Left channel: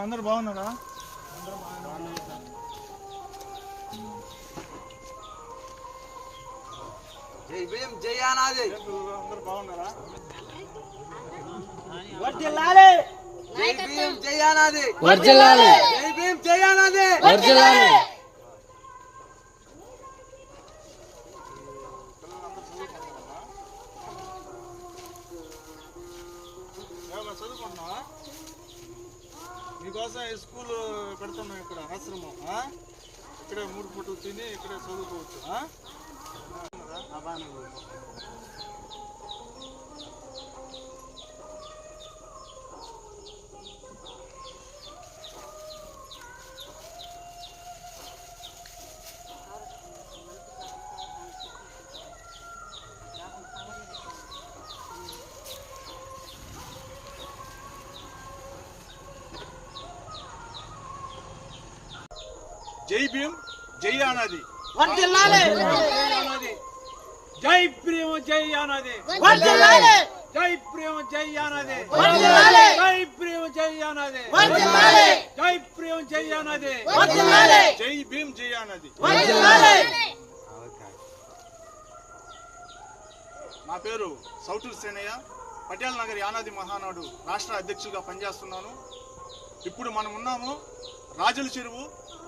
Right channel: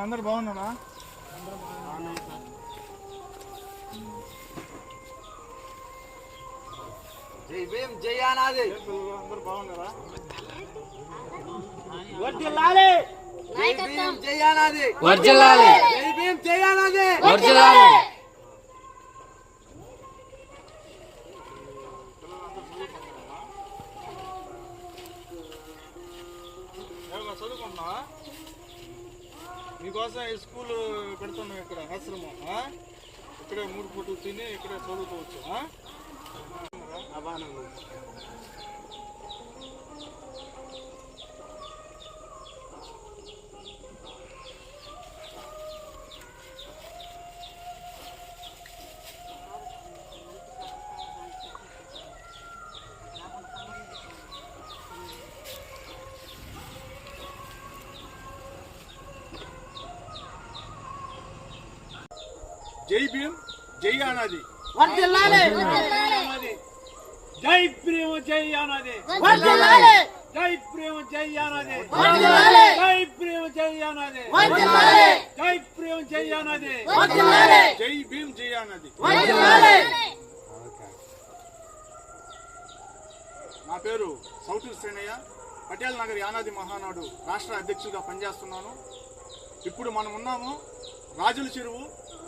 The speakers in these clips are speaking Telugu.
అందరు బాగున్నారా? జై భీమ్ జై అందరు బాగున్నారా? జై భీమ్ జై అనాది వర్జలాలి జై భీమ్ జై చదువుకుంటున్నావా? మీకోసం స్కూల్ పెడుతున్నాం ఇక్కడ ఆశ్రమం ఇక్కడే మూడు పూటలు తిని ఇక్కడే చదువుకోవచ్చు జై భీమ్ జై అనాది జై ప్రేమ జై అనాది జై ప్రేమ జై అనాది జై ప్రేమ జై అనాది జై ప్రేమ జై అనాది జై భీమ్ జై అనాది నా పేరు సౌటూరు సేనయ్య. పటేల్ నగర్ యానాది మహానాడు రాష్ట్ర అధ్యక్షుడిగా పనిచేస్తున్నాను. ఇప్పుడు మనం ఉన్నాము రాజుల చెరువు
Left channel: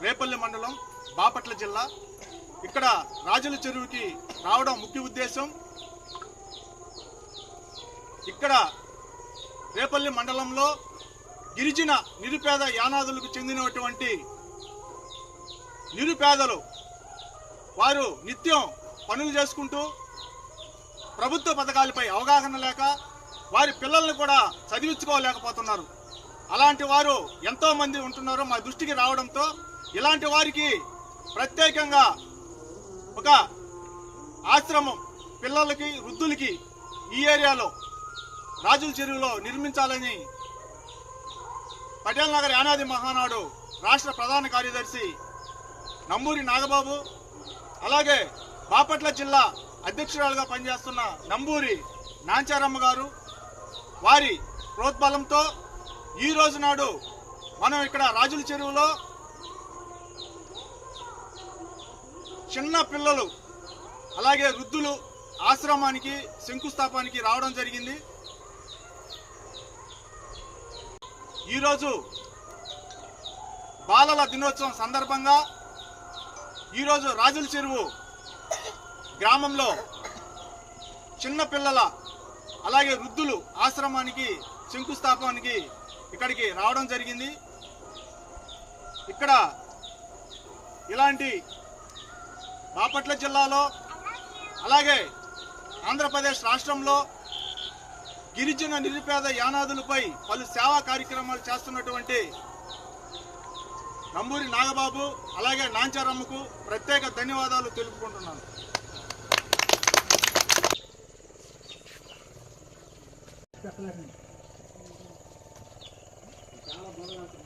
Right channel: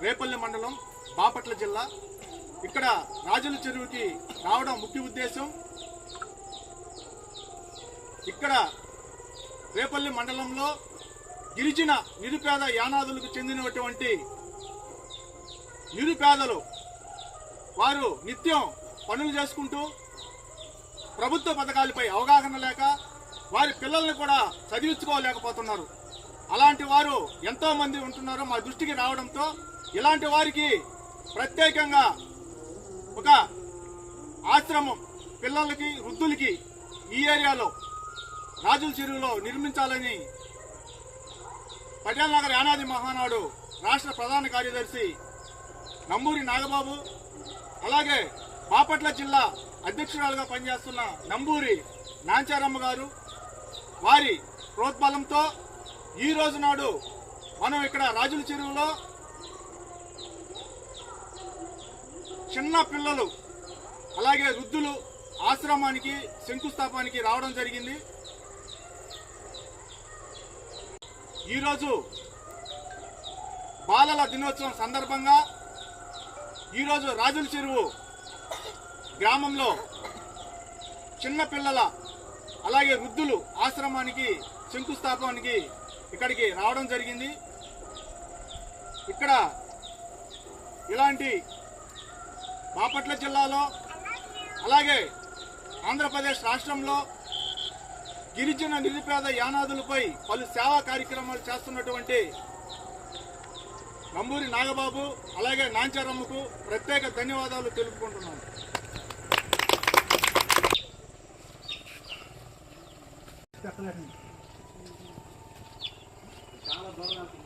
రేపల్లి మండలం బాపట్ల జిల్లా. ఇక్కడ రాజుల చెరువుకి రావడం ముఖ్య ఉద్దేశం. ఇక్కడ రేపల్లి మండలంలో గిరిజన నిరుపేద యానాదులకు చెందినటువంటి నిరుపేదలు వారు నిత్యం పనులు చేసుకుంటూ ప్రభుత్వ పథకాలపై అవగాహన లేక వారి పిల్లల్ని కూడా చదివించుకోలేకపోతున్నారు. అలాంటి వారు ఎంతోమంది ఉంటున్నారో మా దృష్టికి రావడంతో ఇలాంటి వారికి ప్రత్యేకంగా ఒక ఆశ్రమం పిల్లలకి వృద్ధులకి ఈ ఏరియాలో రాజుల చెరువులో నిర్మించాలని పటేల్ నగర్ యానాది మహానాడు రాష్ట్ర ప్రధాన కార్యదర్శి నంబూరి నాగబాబు అలాగే బాపట్ల జిల్లా అధ్యక్షురాలుగా పనిచేస్తున్న నంబూరి నాంచారమ్మ గారు వారి ప్రోత్బలంతో ఈ రోజు నాడు మనం ఇక్కడ రాజుల చెరువులో చిన్న పిల్లలు అలాగే వృద్ధులు ఆశ్రమానికి శంకుస్థాపానికి రావడం జరిగింది. ఈరోజు బాలల దినోత్సవం సందర్భంగా ఈరోజు రాజుల చెరువు గ్రామంలో చిన్నపిల్లల అలాగే వృద్ధులు ఆశ్రమానికి శంకుస్థాపనకి ఇక్కడికి రావడం జరిగింది. ఇక్కడ ఇలాంటి బాపట్ల జిల్లాలో అలాగే ఆంధ్రప్రదేశ్ రాష్ట్రంలో గిరిజన నిరుపేద యానాదులపై పలు సేవా కార్యక్రమాలు చేస్తున్నటువంటి నంబూరి నాగబాబు అలాగే నాంచారమ్మకు ప్రత్యేక ధన్యవాదాలు తెలుపుకుంటున్నాను. ఏం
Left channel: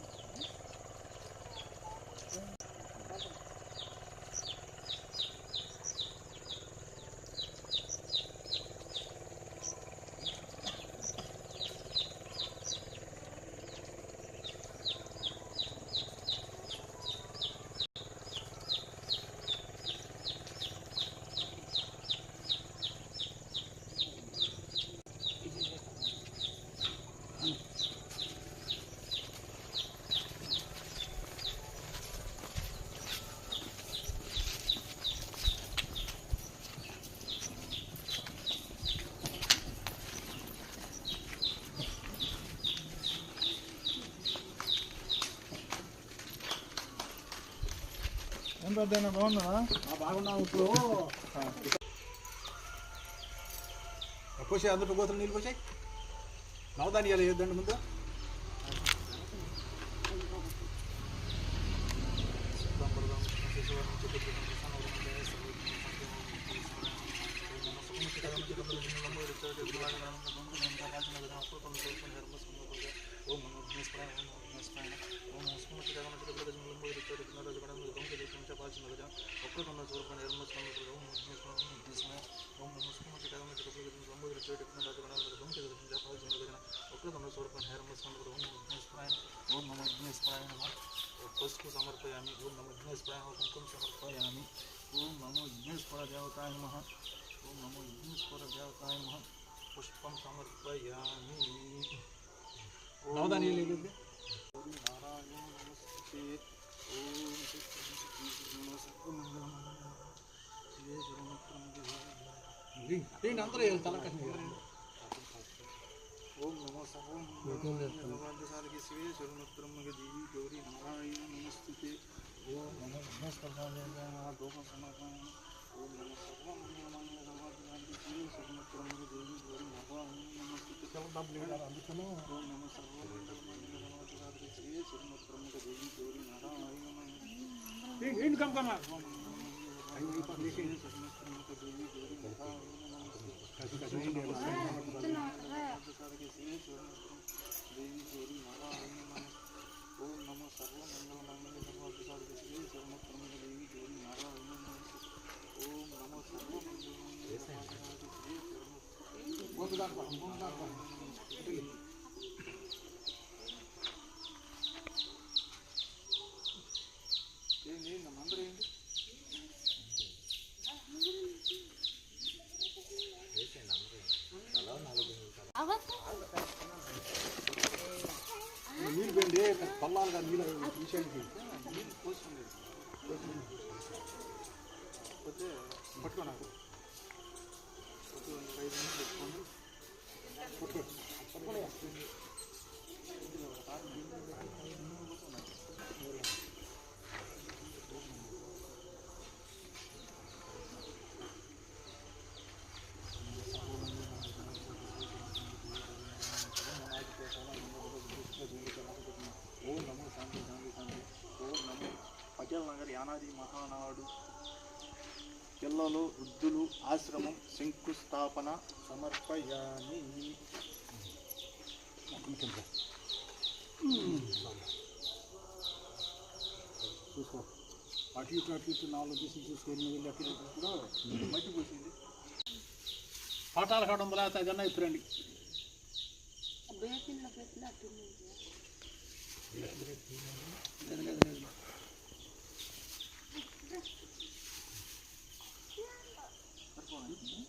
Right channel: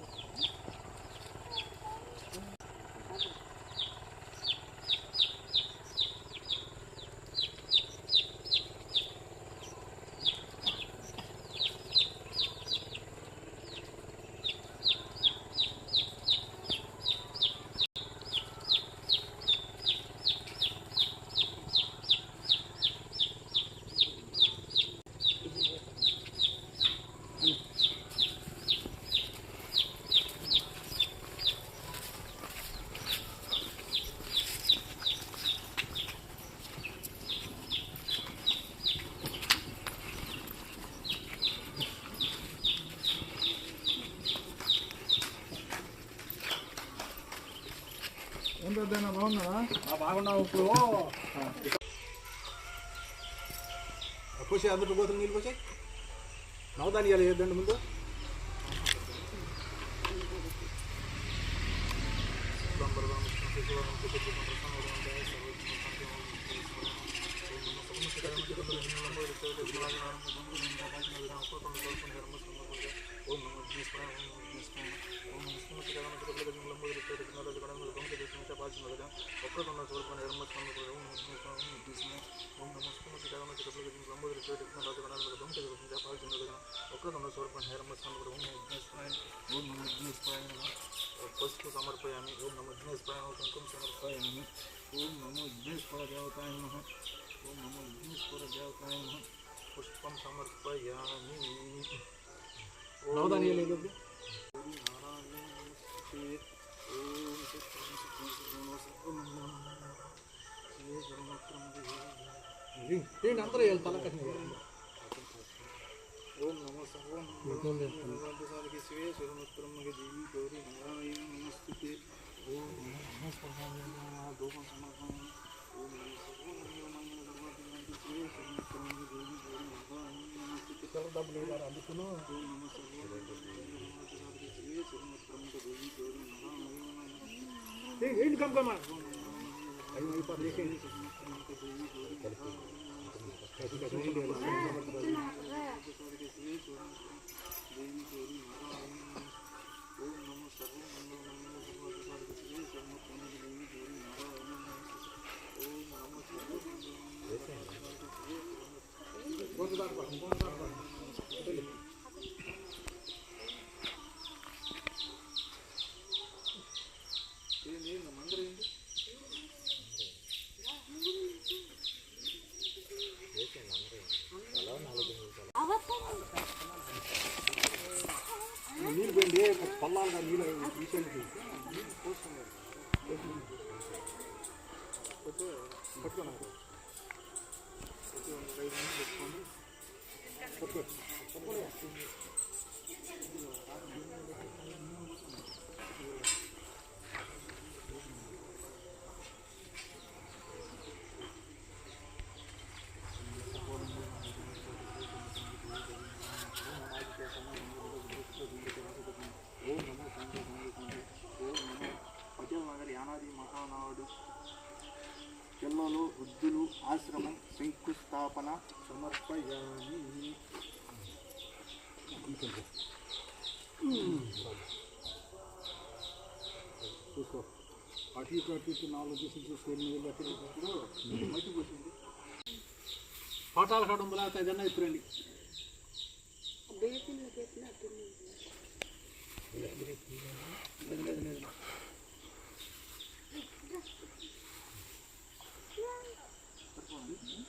పెద్దనా బాగున్నావా బాగున్నావు ఇప్పుడు పోసే అందరూ పోతున్న నీళ్ళు పోసాయి నవధాన్యాలు వేద్దండి ముందు ఒక్క you. समर्पयामः पशुसमर्पयामि ॐ नमो विघ्नेश्वराय कुङ्कुं समर्पयामि ॐ नमो विघ्नेश्वरदेवताय नमः। ॐ नमो विघ्नेश्वरदेवताय नमः। पुष्पं समर्पयामि नवदानीय लेके नारायण नमस्ते ॐ ॐ नमः श्री गुरुमत्रं देवी अंतर तलक ఏదో నారాయణ నమస్తే ఓం సత్యం సత్యం సత్యం శివే శరణత్రం ఏంటి అందరూ వీళ్ళు తలకట్టిన ఓం నమో సర్వం సాధకి శివే శరణత్రం దేవి గౌరీ నారాయణ నమస్తే ఓం నమో నమస్కారం గోపం సమర్పణ ఓం నమో సర్వం మంగళ సర్వాధికారి శివే శరణత్రం దేవి గౌరీ నారాయణ నమస్తే డబ్బులు ఏడాలి అందుకును देवी गौरी मारा ओम नमः। ओम नमः सर्व मंगल मंगल सर्वार्थ साधक श्री सर्वमुख मंगल देवी गौरी मारा ओम नमः। ओम नमः सर्व मंगल मंगल सर्वार्थ साधक श्री सर्वमुख बहुत बात बहुत बात పల్లాలుగా నీళ్ళు పట్టుకోనారు ఐదు నిమిషాలు పెట్టుకోండి. పిల్లలు వృద్ధులు ఆశ్రమం శంకుస్థాపన సమర్పయామి. చూసుకో. అటు ఇటు అటు ఇటు నాలుగు తీసి చూసుకొని వెళ్ళి అటు. ఇప్పుడు మట్టి పోసింది. పాఠాలు కావడం వల్ల ఏదన్నా ఇప్పుడండి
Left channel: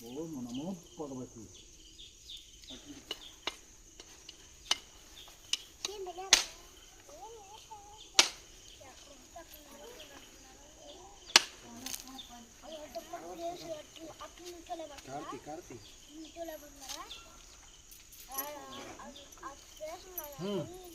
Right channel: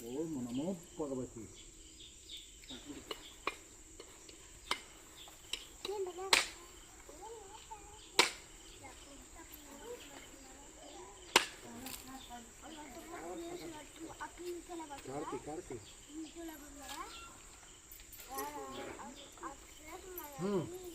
ओम नमो भगवती कार्ती कार्ती हाँ।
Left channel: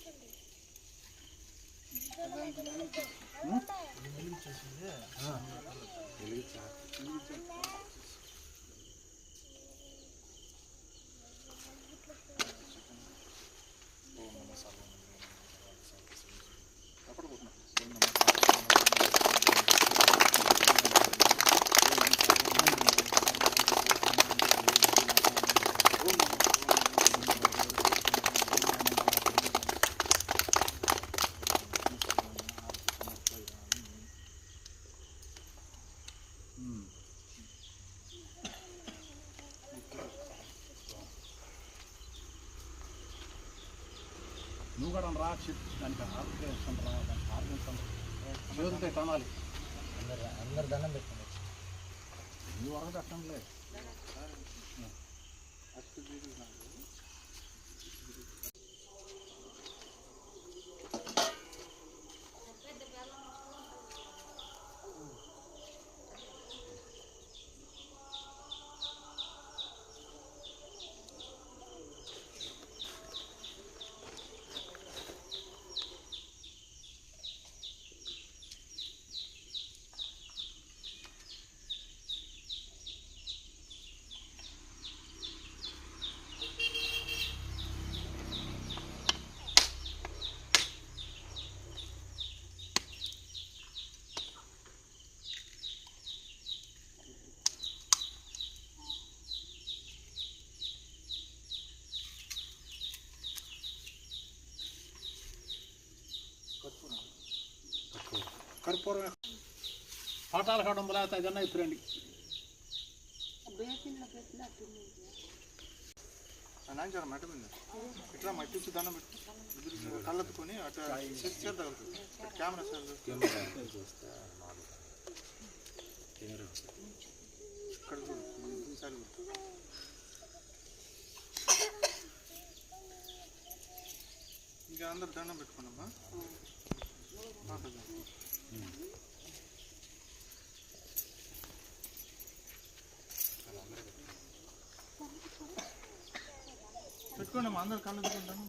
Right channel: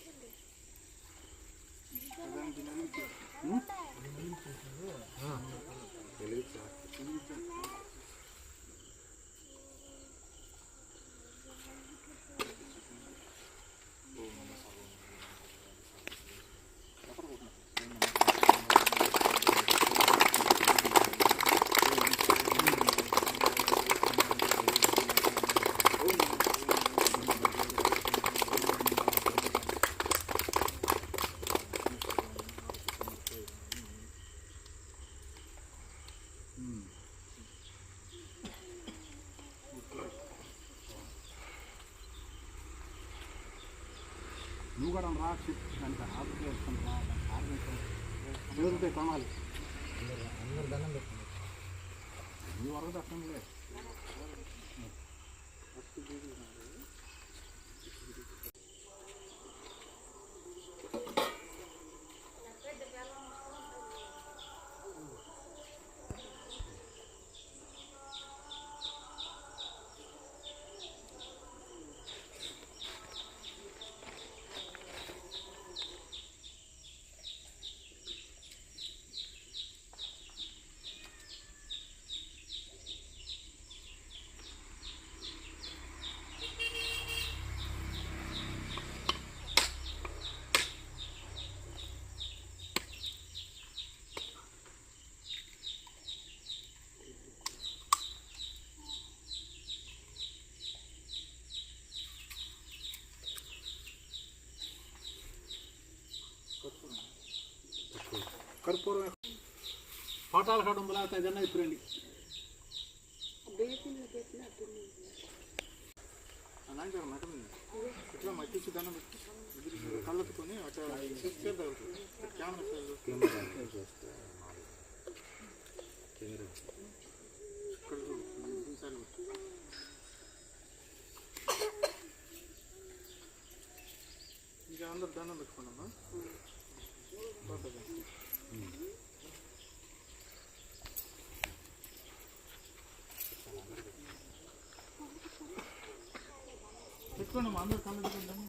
నువ్వు కూడా రా చెప్పు. దానికి ఆర్గనైజేషన్ రా దానికి ఆర్గనైజేషన్ రోజుపై అందరు దండం పెట్టుకున్నారు నువ్వు వరకు అర్థం లేదు. కర్పూరం పాఠాల కడం లేకపోతే ఏదన్నా ఇప్పుడండి నాయన మెట మీద. ఇట్లా మట్టి ఇచ్చి దండం పెట్టు ఎదురు కళ్ళెత్తుకొని అటు చేద్దాం కెమెరా సార్ ఇక్కడ చూడు ఈసారి పెట్టు. ఇంకా అందరు దండం పెట్టుకున్నామా పెట్టుకోండి అందరు కళ్ళు పెట్టుకుంటాము